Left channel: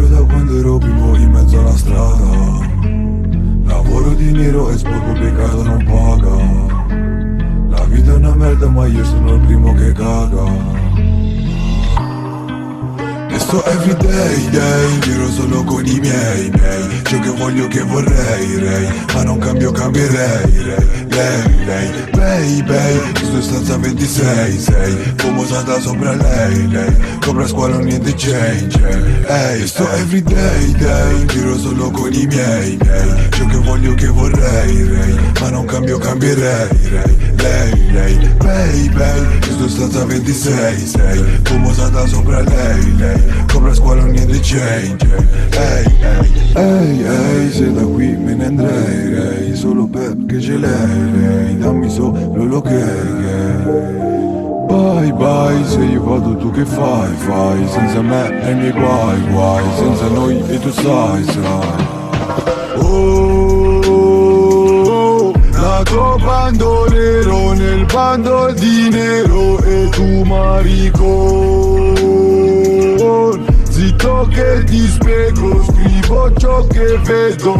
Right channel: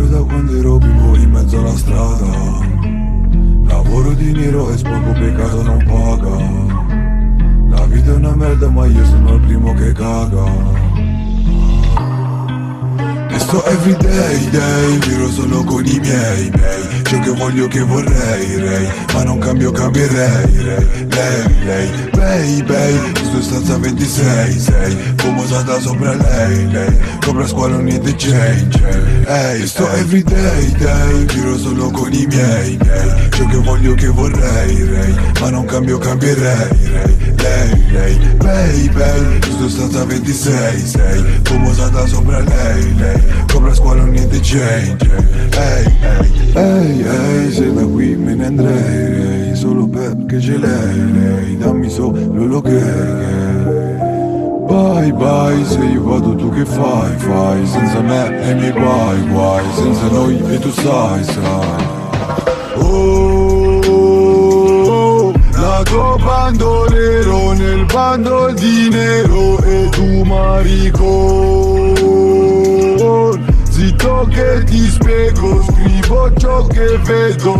giro da quando ero bimbo in mezzo alla strada. Lavoro di nero e sporco che casa non paga. La vita è una merda ma io sono il primo che caga. Sto everyday, giro solo con i miei. Ciò che voglio che vorrei, ma non cambio, cambierei. Lei, sto stanza 26, famosata sopra lei. Copra squalo niente change. Sto everyday, giro solo con i miei. Ciò che voglio che vorrei, ma non cambio, cambierei. Lei, sto stanza 26, famosata sopra lei. Copra squalo niente change. Ehi, se da qui me ne andrei, solo perché ce l'hai, dammi solo l'ok. Bye, se io vado tu che fai, senza me e mi vai, senza noi e tu sai. Nato bandolero nel bando di nero e tu maricon. Zitto che ti spiego, scrivo ciò che vedo.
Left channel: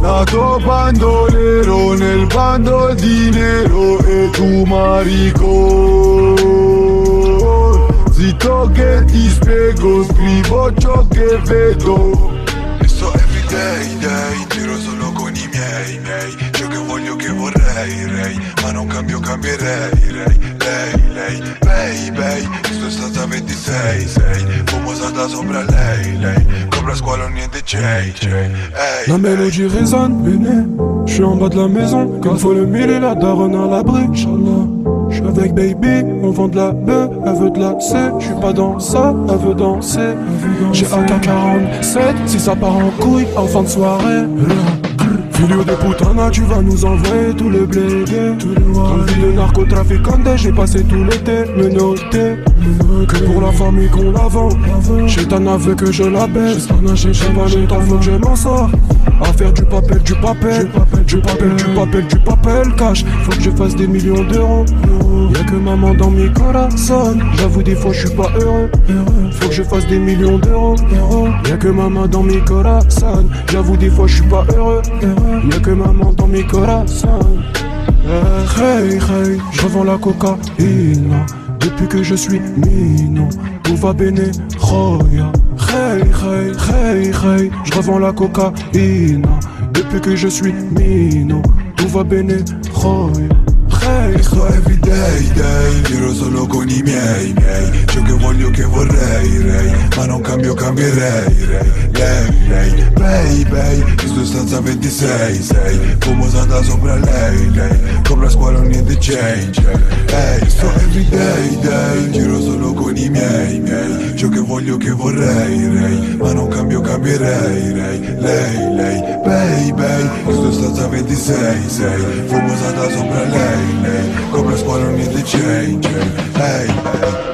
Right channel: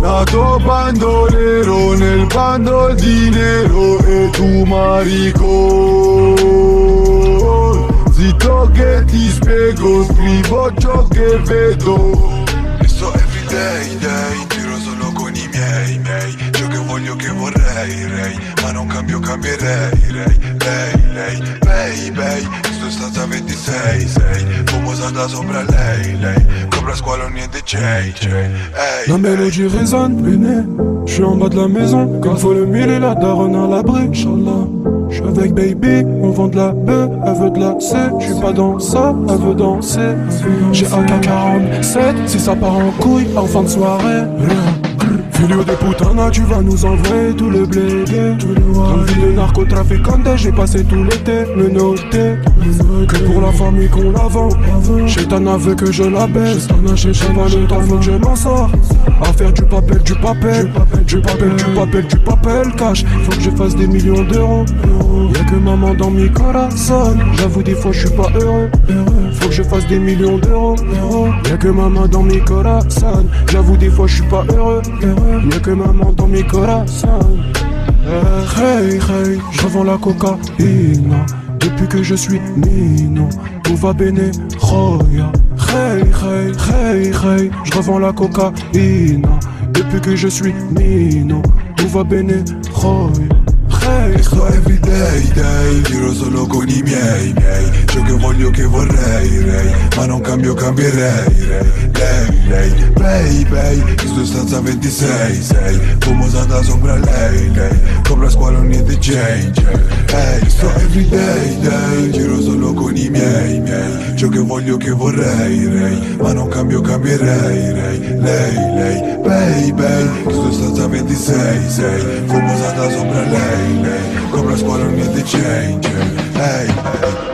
Nato bandolero nel bando di nero e tu maricon. Zitto che ti spiego, scrivo ciò che vedo. E sto everyday, giro solo con i miei. Ciò che voglio che vorrei, ma non cambio, cambierei. Lei, sto stata 26, famosata sopra lei. Copra squalo niente change. La mélodie résonne, béné. J'suis en bas de la maison, quand faut le mille et la daronne à l'abri, Inch'Allah. J'suis avec baby, on vend de la bœuf, elle veut de la sœur. J'suis pas dans ça, elle veut danser. J'ai AK-47, si ça part en couille, en fin de soirée. Filio de putana, tu vas nous envoyer tous les blés. Dans le vie de narcotrafiquant, j'ai passé tout l'été, me noter. Que pour la famille qu'on la vaut. J'ai t'en en fait que je la baisse. T'en as cherché ma main, t'en veux que je m'en sors. À faire du papel, cash. Faut que je fasse des millions d'euros. Y'a que maman dans mes corazones. J'avoue des fois je suis pas heureux. Faut que je fasse des millions d'euros. Y'a que maman dans mes corazones. J'avoue des fois je suis pas heureux. Y'a que maman dans mes corazones. Hey, je revends la cocaïne. Depuis que je suis mignon, tout va bene, hey, je revends la cocaïne. Depuis que je suis mignon, tout va bene, Sto everyday, giro solo con i miei. Ciò che voglio che vorrei, ma non cambio, cambierei. Lei, sto stanza 26, famosata sopra lei. Copra squalo niente change. Sto everyday, giro solo con i miei. Ciò che voglio che vorrei, ma non cambio, cambierei. Lei, sto stanza 26, famosata sopra lei. Copra squalo niente change. Hey.